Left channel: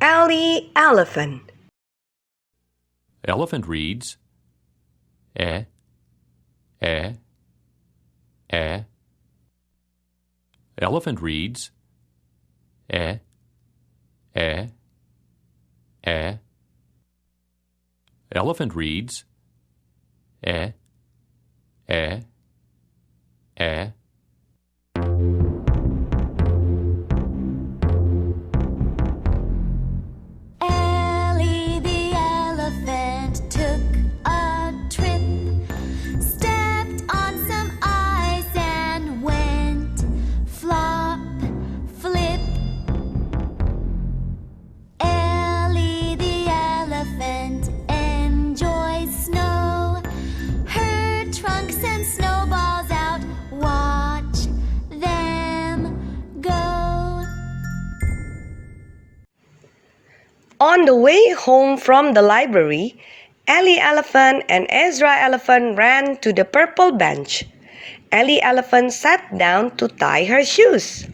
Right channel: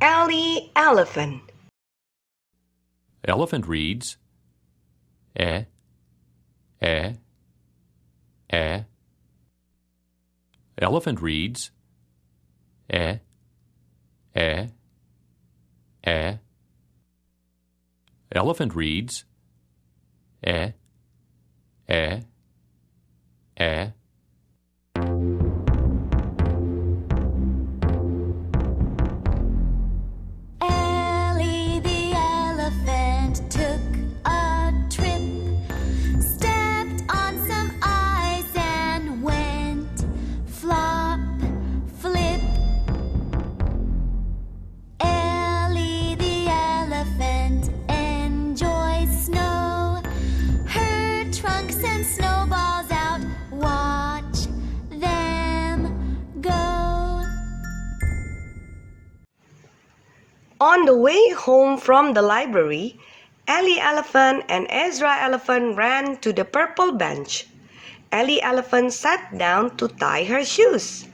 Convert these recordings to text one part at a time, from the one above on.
Ellie elephant. Elephant reads eh, eh, eh. Elephant reads eh, eh, eh. Elephant reads eh, eh, eh. Ellie the elephant took a trip, stepped on some ice and went flop, flip. Ellie the elephant enjoys snow. Her trunks and snowballs out, watch them go. On the way home from the library, Ellie elephant and Ezra elephant ran to the purple bench. Ellie elephant sat down to tie her shoes.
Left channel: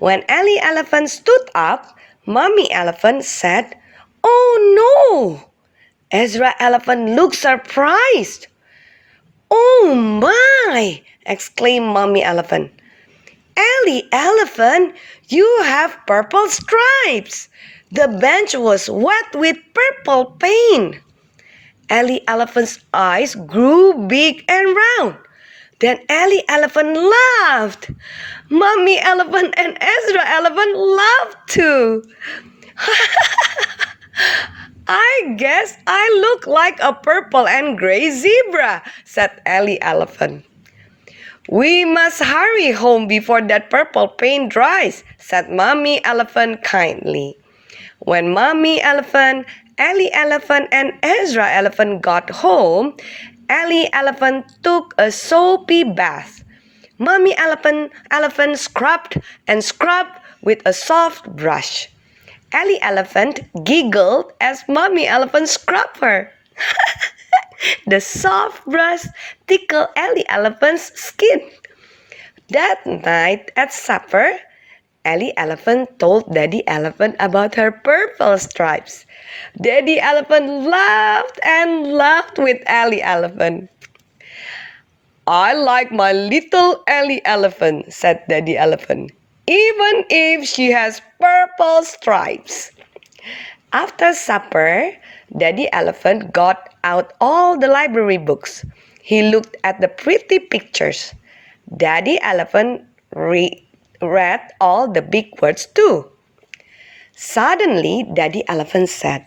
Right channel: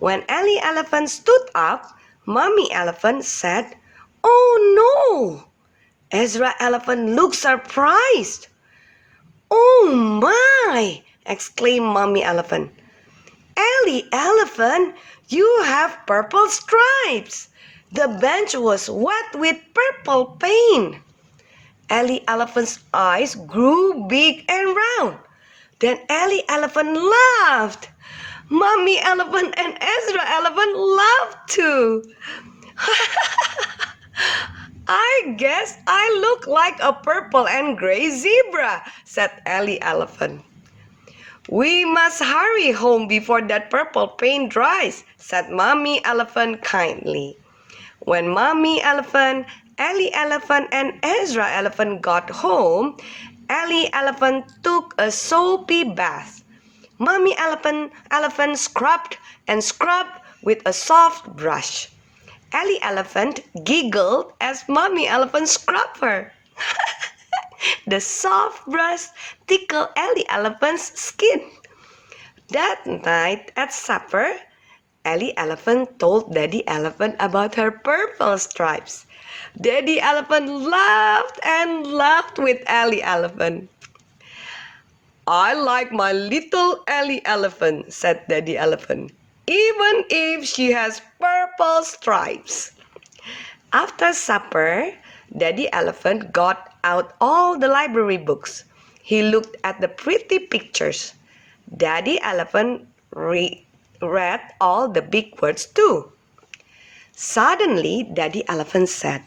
When Ellie elephant stood up, Mommy elephant said, "Oh no!" Ezra elephant looked surprised. "Oh my!" exclaimed Mommy elephant. "Ellie elephant, you have purple stripes. The bench was wet with purple paint." Ellie elephant's eyes grew big and round. Then Ellie elephant laughed. Mommy elephant and Ezra elephant laughed too. "I guess I look like a purple and gray zebra," said Ellie elephant. "We must hurry home before that purple paint dries," said Mommy elephant kindly. When Mommy elephant, Ellie elephant, and Ezra elephant got home, Ellie elephant took a soapy bath. Mommy elephant scrubbed and scrubbed with a soft brush. Ellie elephant giggled as Mommy elephant scrubbed her. The soft brush tickled Ellie elephant's skin. That night at supper, Ellie elephant told Daddy elephant about her purple stripes. Daddy elephant laughed and laughed with Ellie elephant. "I like my little Ellie elephant," said Daddy elephant, "even if she has purple stripes." After supper, Daddy elephant got out all the library books. He looked at the pretty pictures. Daddy elephant read all the big words too. Suddenly, Daddy elephant said,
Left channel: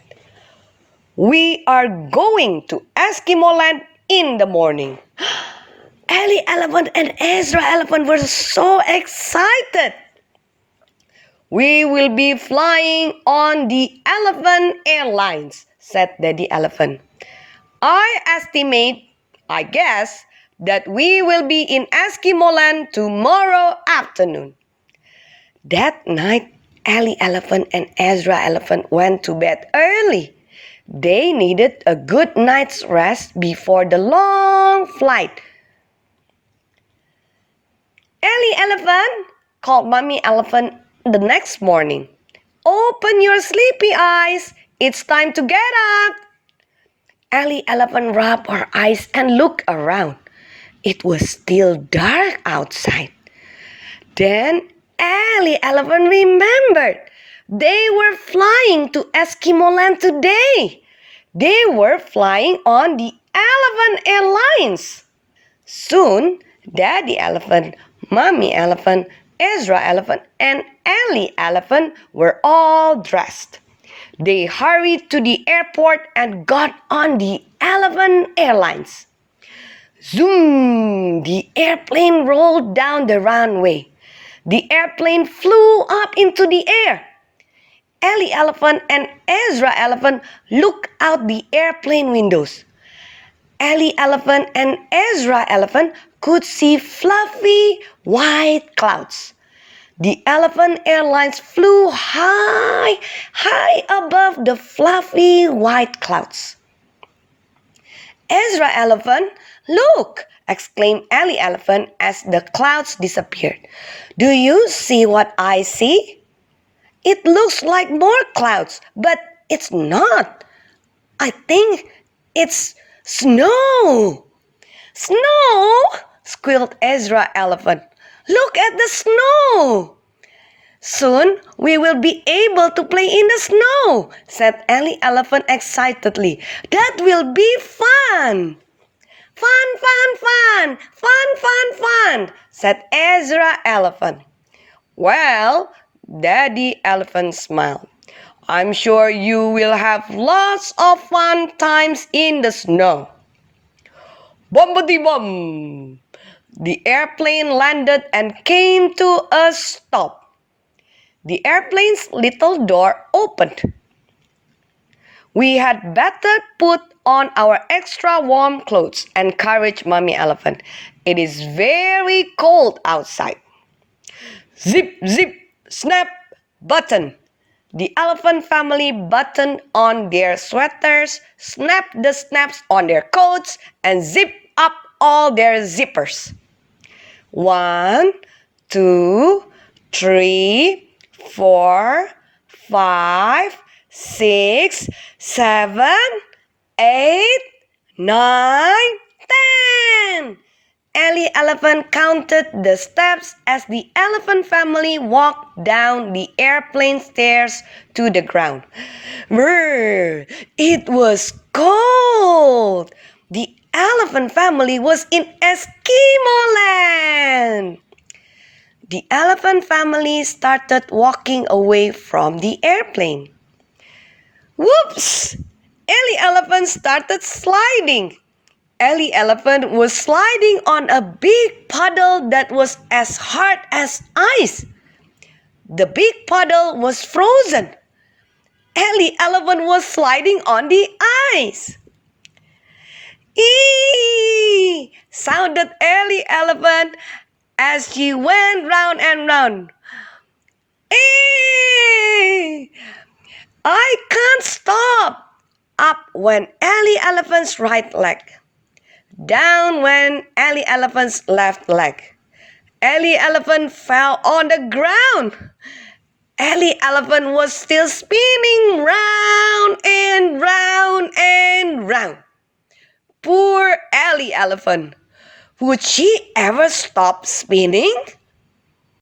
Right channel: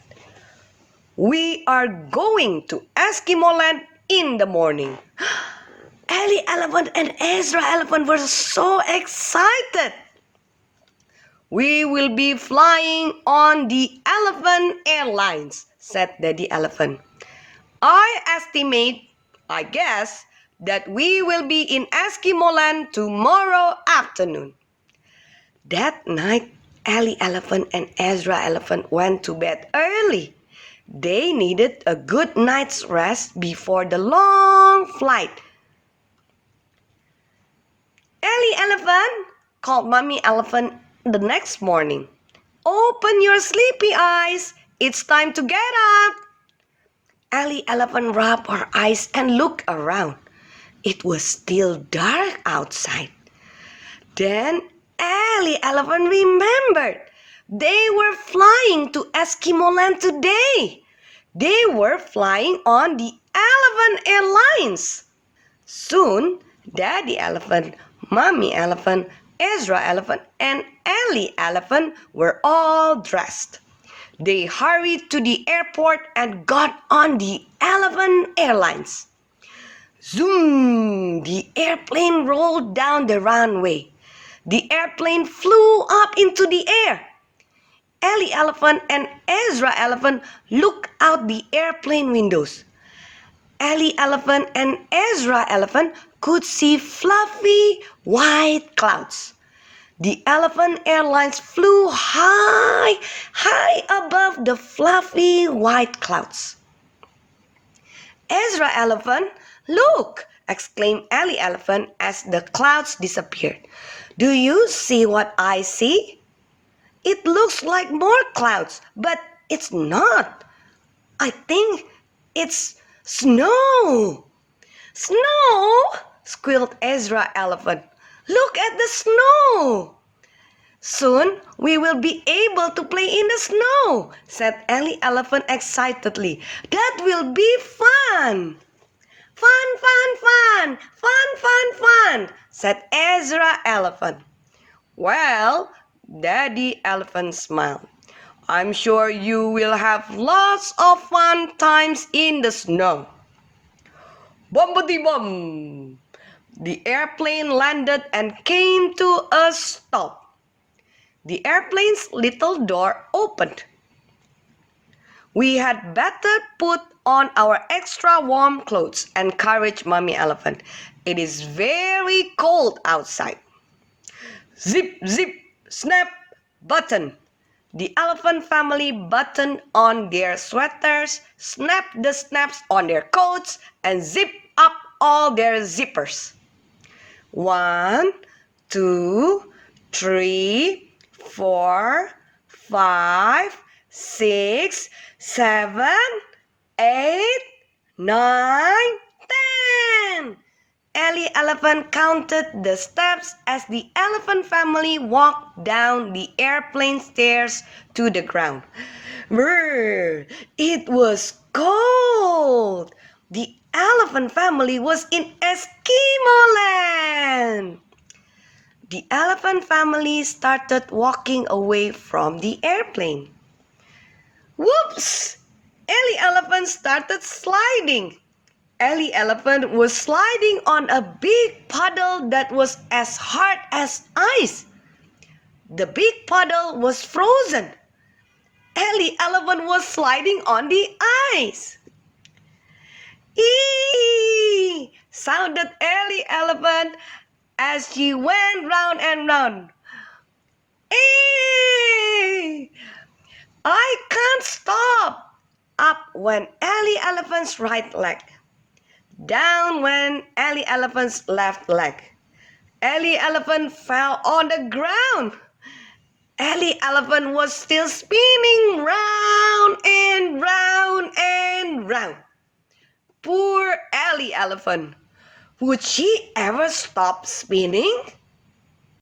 "We are going to Eskimo land in the morning." Ellie elephant and Ezra elephant were so excited. "We will be flying on the Elephant Airlines," said Daddy elephant. I guess, that we will be in Eskimo land tomorrow afternoon." That night, Ellie elephant and Ezra elephant went to bed early. They needed a good night's rest before the long flight. "Ellie elephant," called Mommy elephant the next morning. "Open your sleepy eyes. It's time to get up." Ellie elephant rubbed her eyes and looked around. It was still dark outside. Then Ellie elephant remembered. They were flying to Eskimo land today. They were flying on the Elephant Airlines. Soon, Daddy elephant, Mommy elephant, Ezra elephant, and Ellie elephant were all dressed. They hurried to the airport and got on the Elephant Airlines. Zoom! The airplane rolled down the runway. The airplane flew up into the air. Ellie elephant and Ezra elephant looked out the airplane windows. Ellie elephant and Ezra elephant could see fluffy white clouds. The Elephant Airlines flew high, high above the fluffy white clouds. "Ezra elephant, look!" exclaimed Ellie elephant as the clouds disappeared. "Do you see what I see?" It looks like more clouds, but it's not. I think it's snow. Snow? Squealed Ezra Elephant. Look at the snow. Soon we will be able to play in the snow, said Ellie Elephant excitedly. That will be fun. Fun, fun, fun, fun, fun, fun, said Ezra Elephant. Well, Daddy Elephant smiled. I'm sure you will have lots of fun times in the snow. Bombity bum! The airplane landed and came to a stop. The airplane's little door opened. We had better put on our extra warm clothes, encouraged Mommy Elephant. It is very cold outside. Zip, zip, snap, button. The elephant family buttoned on their sweaters, snapped the snaps on their coats, and zipped up all their zippers. 1, 2, 3, 4, 5, 6, 7, 8, 9, 10. Ellie Elephant counted the steps as the elephant family walked down the airplane stairs to the ground. Brr, it was cold. The elephant family was in Eskimo land. The elephant family started walking away from the airplane. Whoops! Ellie Elephant started sliding. Ellie Elephant was sliding on a big puddle that was as hard as ice. The big puddle was frozen. Ellie Elephant was sliding on the ice. Eee! Sounded Ellie Elephant as she went round and round. Eee! I can't stop. Up went Ellie Elephant's right leg. Down went Ellie Elephant's left leg. Ellie Elephant fell on the ground. Ellie Elephant was still spinning round and round and round. Poor Ellie Elephant. Would she ever stop spinning?